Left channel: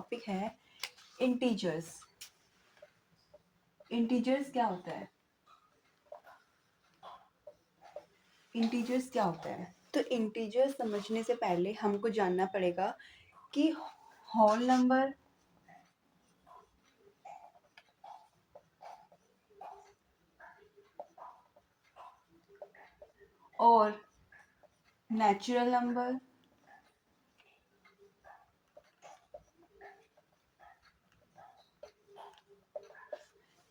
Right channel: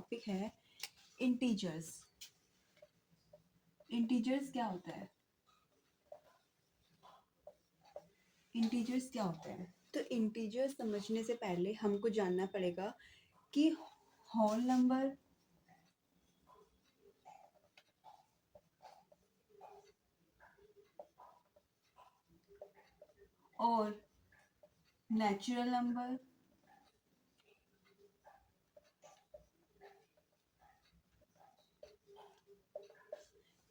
Topic है integers. Integers क्या होता है? इंटीजर्स क्या होता है? तो इंटीजर्स समझने से पहले हमको जानना पड़ेगा कि होल नंबर और नेचुरल नंबर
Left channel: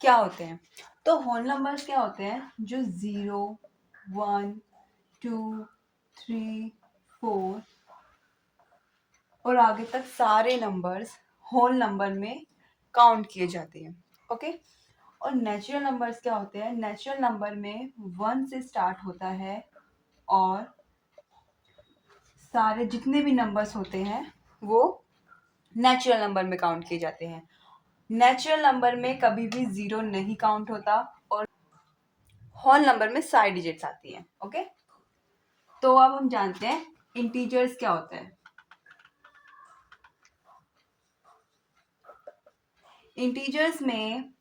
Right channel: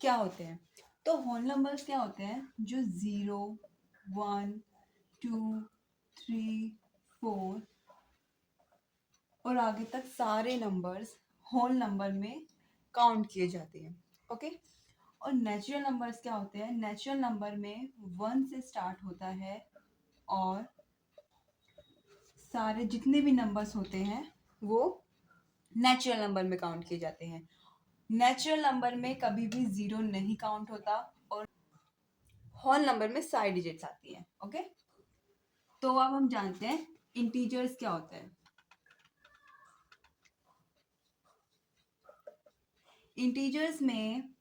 क्या होते हैं। तो होल नंबर्स क्या होते हैं? जो 0, 1, 2, 3, 4 और आगे तक सारे नंबर्स होल नंबर में काउंट किए जाते हैं। ओके। और नेचुरल नंबर्स क्या होते हैं? नेचुरल नंबर में 1 से स्टार्ट होता है और सारे जितने भी नंबर्स होते हैं वो नेचुरल नंबर में काउंट किए जाते हैं। नेचुरल नंबर में कभी भी 0 नहीं काउंट होता और होल नंबर में सारी डिजिट्स आती हैं। ओके। तो अब हम जानते हैं इंटीजर्स क्या होता है। इंटीजर्स में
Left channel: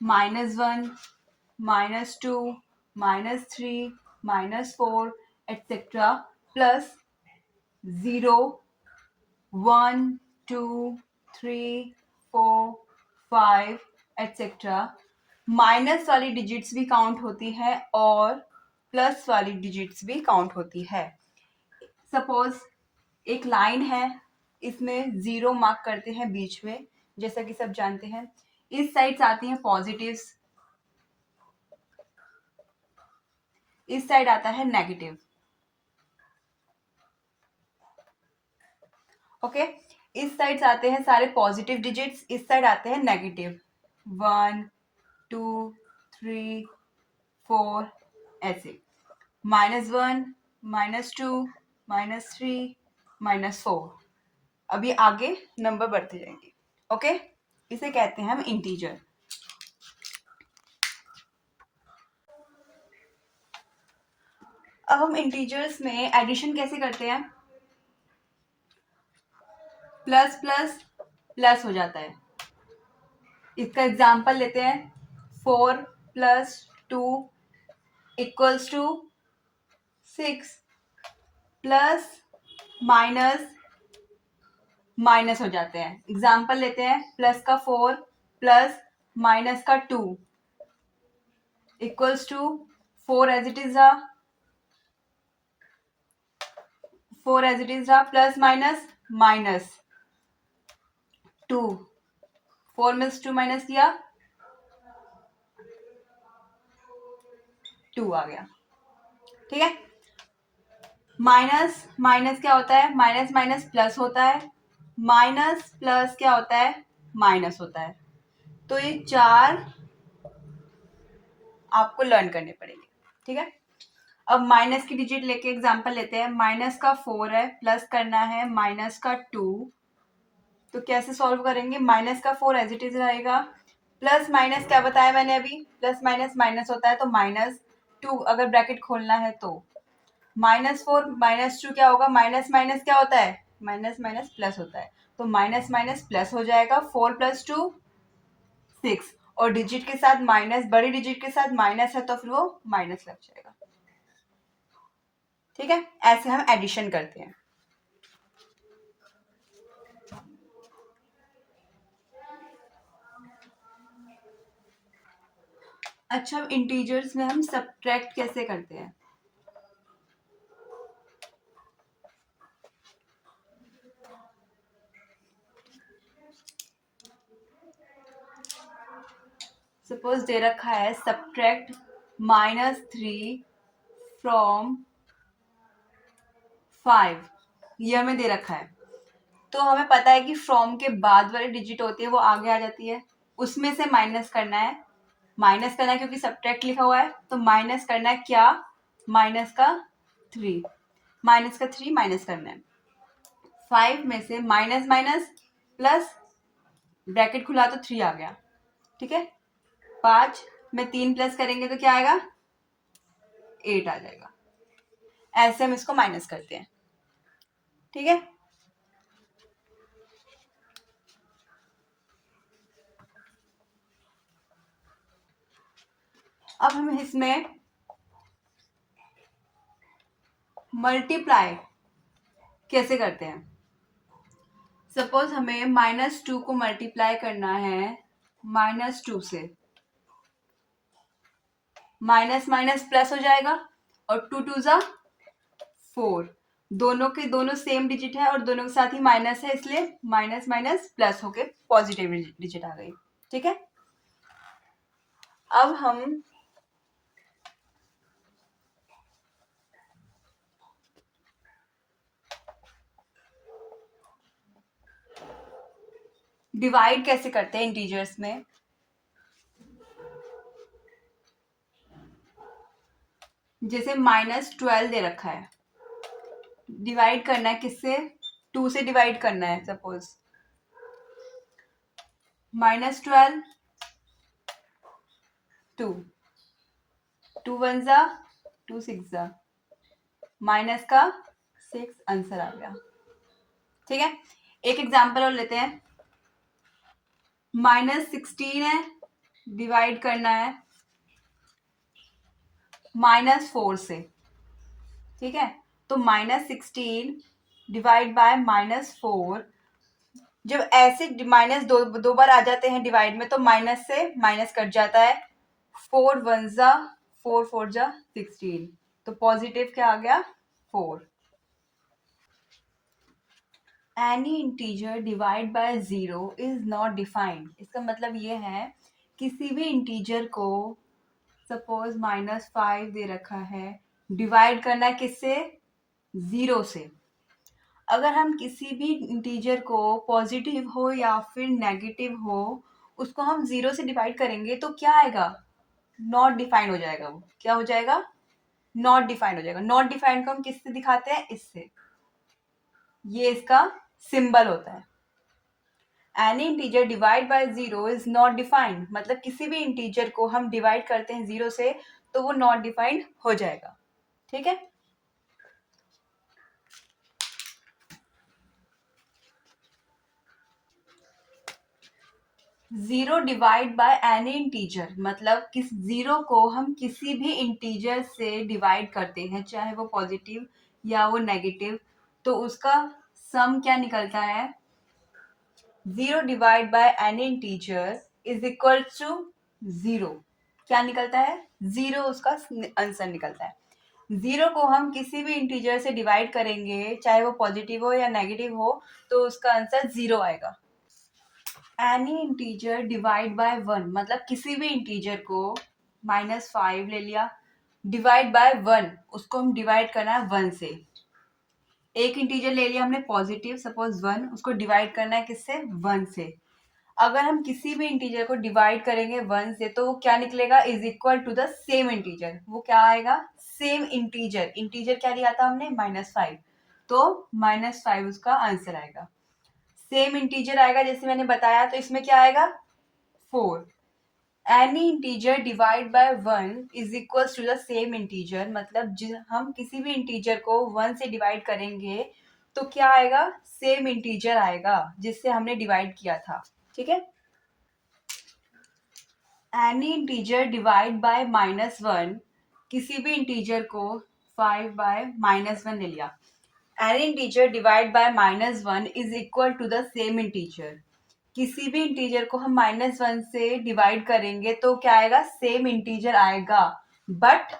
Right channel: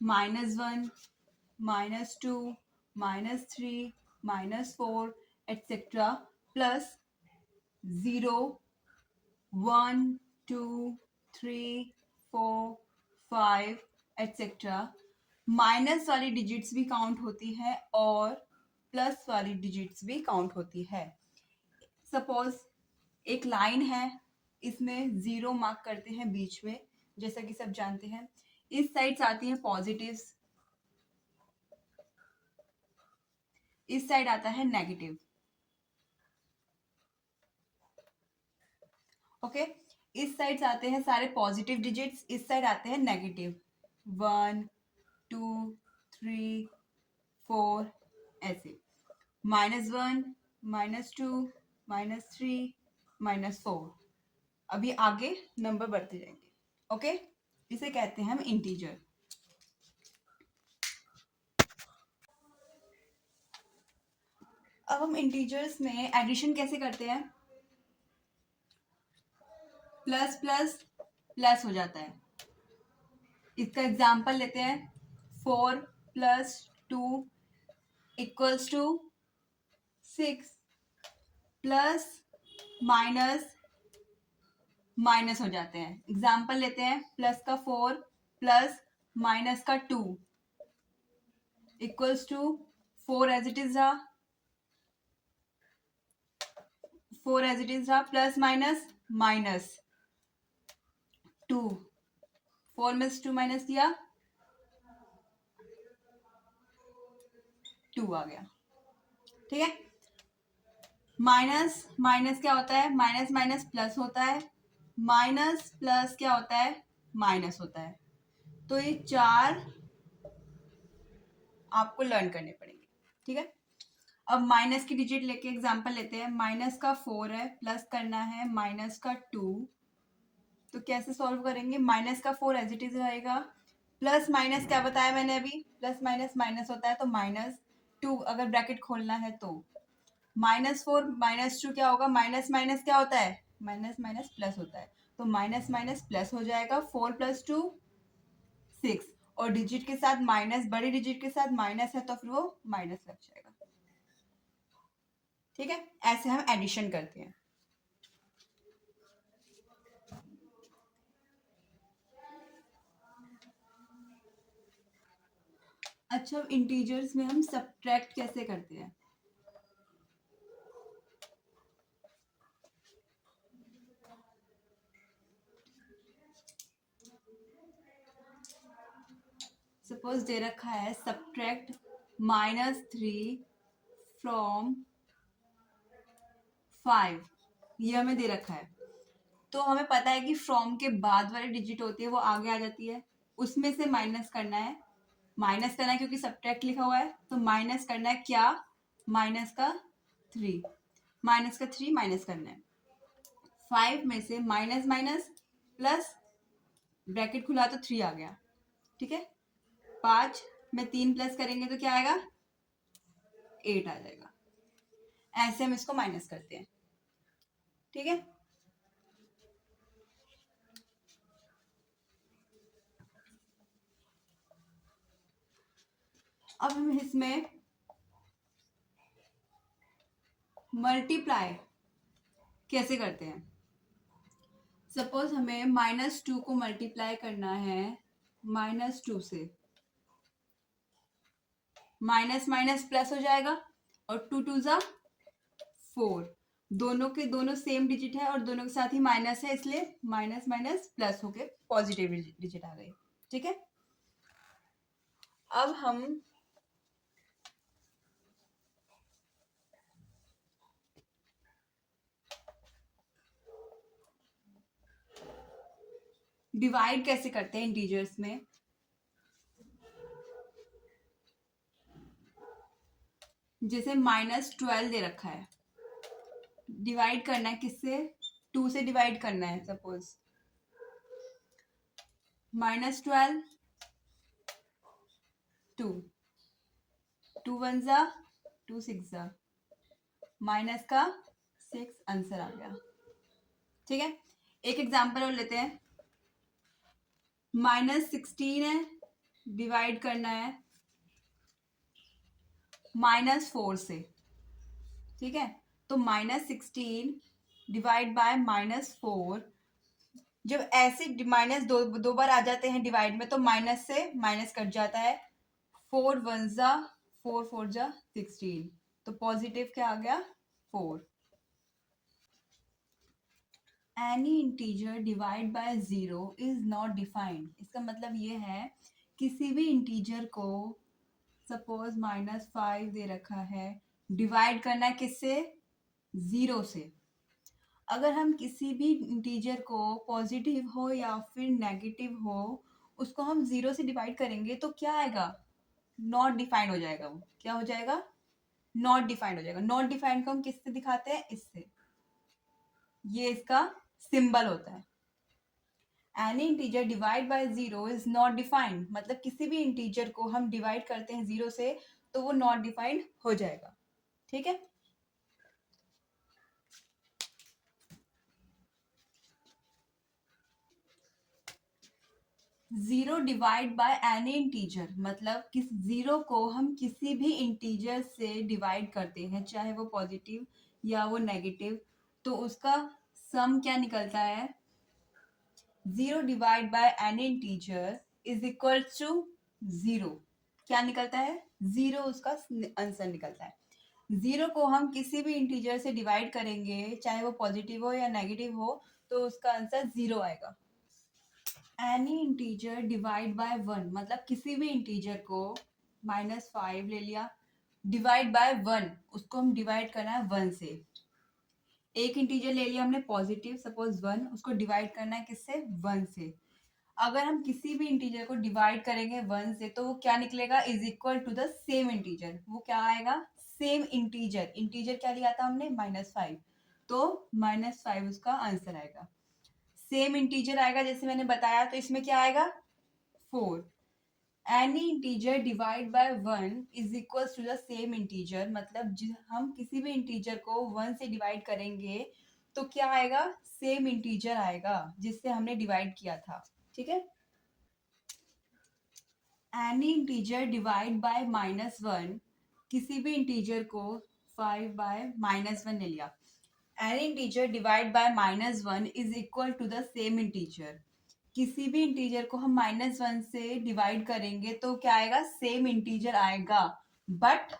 -1, -2, -3, -4 एटसेट्रा प्लस 0, 1, 2, 3, 4, 5 एटसेट्रा माइनस वाली डिजिट्स भी काउंट होती है और प्लस वाली डिजिट्स भी काउंट होती है। सपोज एक लाइन है, इसमें 0 मार्क करते हैं बीच में, जैसा कि सब जानते हैं। इस साइड से आती हैं पॉजिटिव्स, इस साइड आता है नेगेटिव। ओके। इस साइड से आते हैं सारे पॉजिटिव डिजिट्स, इस साइड आते हैं नेगेटिव। 1, 2, 3, 4 ऐसे। -1, -2, -3, -4। अभी आगे नंबर बढ़ते जाएंगे। ओके। इसे कहते हैं हम इंटीजर। अब हम इंटीजर्स में एडिशन कैसे करते हैं? प्लस प्लस प्लस हो जाता है। इसका एग्जाम्पल लेते हैं। 4 + 2 = 6 प्लस माइनस माइनस हो जाते हैं। एग्जाम्पल लेते हैं। प्लस का 4 प्लस माइनस का 2 = 4 एज इट इज रहा, 4 एज इट इज रहा, प्लस माइनस माइनस 2, 4 में से 2 माइनस किया, 2 आ गया। ठीक है। माइनस माइनस क्या होता है? माइनस माइनस प्लस होता है, माइनस प्लस क्या होता है? माइनस होता है। तो ये 4 आपको लर्न करने पड़ेंगे। ठीक है। अब माइनस की डिजिट लेके एग्जांपल लेते हैं। माइनस का 4 है, प्लस करना है माइनस का 2। तो कैसे सॉल्व करेंगे? माइनस का 4 एज इट इज रहेगा, प्लस माइनस क्या बताया मैंने अभी? प्लस माइनस माइनस होता है, तो -2 अगर ब्रैकेट खोलना है तो -4 -2 क्या होगा? माइनस माइनस क्या होता है? माइनस माइनस प्लस होता है। तो माइनस माइनस प्लस हो जाएगा। 4 + 2 6 और डिजिट के साथ माइनस, बड़ी डिजिट के साथ माइनस है तो फिर वो माइनस लग जाएगा। ठीक है। ऐसे हम एडिशन करते हैं। अच्छा, अब इंटीजर्स में हम सब्ट्रैक्ट कैसे करते हैं? सपोज दे रखा है सब्ट्रैक्ट -3 फ्रॉम 5, ये हमें दे रखा है। तो हमें पता है कि फ्रॉम के बाद वाली डिजिट होती है वो आगे आ जाती है, उसमें से माइनस करना है। माइनस करना है क्योंकि सब्ट्रैक्ट लिखा हुआ है, तो माइनस करना है क्या? माइनस का 3, माइनस का 3 माइनस करना है। 5 में से माइनस माइनस प्लस, ब्रैकेट खुला तो 3 आ गया। ठीक है। 5 में 3 प्लस करेंगे तो क्या आएगा? 8 आ जाएगा। ऐसे हम इसको माइनस करते हैं। ठीक है। अब हम इसमें मल्टीप्लाई कैसे करते हैं? सपोज हमें -2 को मल्टीप्लाई करना है -2 से, माइनस माइनस प्लस हो जाएगा और 2 2 जा 4, दोनों के दोनों सेम डिजिट है और दोनों के साथ ही माइनस है, इसलिए माइनस माइनस प्लस होके पॉजिटिव डिजिट आ गई। ठीक है, अब हम डिवाइड कैसे करते हैं इंटीजर्स में? जैसे -12 दे रखा है, डिवाइड करना है किससे? 2 से डिवाइड करना है। सपोज -12 2 2 1 जा 2 6 जा माइनस का 6 आंसर आ गया। ठीक है, एक एग्जांपल और लेते हैं। -16 है, डिवाइड करना है -4 से। ठीक है, तो -16 डिवाइड बाय -4, जब ऐसे माइनस दो बार आ जाते हैं डिवाइड में तो माइनस से माइनस कट जाता है। 4 1 जा 4 4 जा 16, तो पॉजिटिव क्या आ गया? 4। Any integer divide bye 0 is not defined. इसका मतलब ये है किसी भी इंटीजर को, सपोज -5 दे रखा है, डिवाइड करना है किससे? 0 से। अगर हम किसी भी इंटीजर को पॉजिटिव हो या फिर नेगेटिव हो, उसको हम 0 से डिवाइड करेंगे तो क्या आएगा? नॉट डिफाइंड हो जाएगा। वो क्या हो जाएगा? नॉट डिफाइंड हो जाएगा। नॉट डिफाइंड को हम किससे दिखाते हैं? इससे। ये इसका सिंबल होता है। Any integer divide bye 0 is not defined, मतलब किसी भी इंटीजर को हम डिवाइड करते हैं 0 से तो वो नॉट डिफाइंड हो जाएगा। ठीक है, 0 डिवाइड बाय एनी इंटीजर, मतलब किस 0 को हम किसी भी इंटीजर से डिवाइड करते हैं, चाहे वो पॉजिटिव या वो नेगेटिव, तो उसका सम क्या निकलता है? 0 divide by any integer is equal to 0। क्या निकलता है? 0 उसका आंसर निकलता है। 0 को हम किसी भी इंटीजर से डिवाइड करेंगे, चाहे वो पॉजिटिव हो या नेगेटिव हो, तो उसका आंसर 0 आएगा। एनी इंटीजर डिवाइड बाय 1, मतलब किसी भी इंटीजर को -5 ले लिया, डिवाइड बाय 1, उसको हम डिवाइड करना है 1 से। एक इंटीजर ले लिया हमने पॉजिटिव, सपोज 1, उसको डिवाइड करना है किससे? 1 से। अगर हम किसी भी इंटीजर को डिवाइड करेंगे 1 से तो वो क्या निकलेगा? Is equal to the same integer. वो क्या आएगा? Same integer. इंटीजर क्या लिया था हमने? -5, तो -5 उसका आंसर आएगा। सेम इंटीजर आएगा जैसे मैंने बताया, तो इसमें क्या आएगा? 4। Any integer divide by 1 is equal to the same integer, मतलब हम किसी भी इंटीजर को 1 से डिवाइड करेंगे तो क्या आएगा? सेम इंटीजर आएगा जिससे हमने डिवाइड किया था। ठीक है, एनी इंटीजर डिवाइड बाय -1, किसी भी इंटीजर को 5 बाय -1 ले लिया, any integer divide by -1 is equal to the same integer. किसी भी इंटीजर को हम -1 से डिवाइड करेंगे तो क्या आएगा? सेम इंटीजर आएगा, बट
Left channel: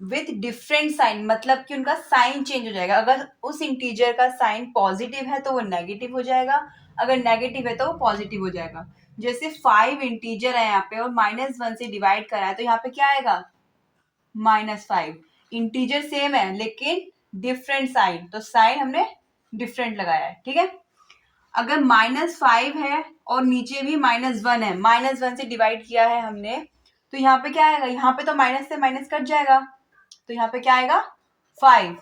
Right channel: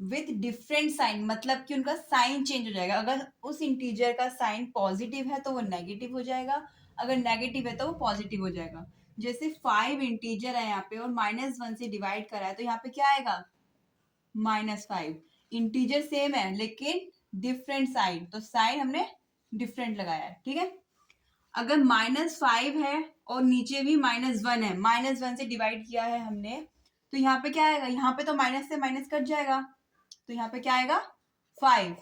विथ डिफरेंट साइन, मतलब कि उनका साइन चेंज हो जाएगा। अगर उस इंटीजर का साइन पॉजिटिव है तो वो नेगेटिव हो जाएगा, अगर नेगेटिव है तो वो पॉजिटिव हो जाएगा। जैसे 5 इंटीजर है यहाँ पे और -1 से डिवाइड करा है तो यहाँ पे क्या आएगा? -5। इंटीजर सेम है लेकिन डिफरेंट साइन, तो साइन हमने डिफरेंट लगाया है। ठीक है, अगर -5 है और नीचे भी -1 है, -1 से डिवाइड किया है हमने, तो यहाँ पे क्या आएगा? यहाँ पे तो माइनस से माइनस कट जाएगा, तो यहाँ पे क्या आएगा? 5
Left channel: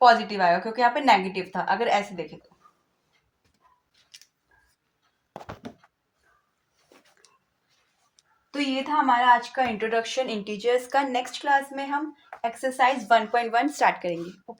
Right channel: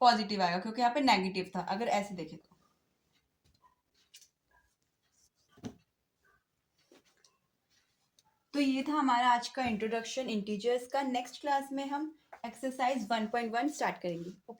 पॉजिटिव आएगा क्योंकि यहाँ पे नेगेटिव था, अगर ऐसे देखें तो ये था हमारा आज का इंट्रोडक्शन इंटीजर्स का। नेक्स्ट क्लास में हम एक्सरसाइज 1.1 स्टार्ट करेंगे।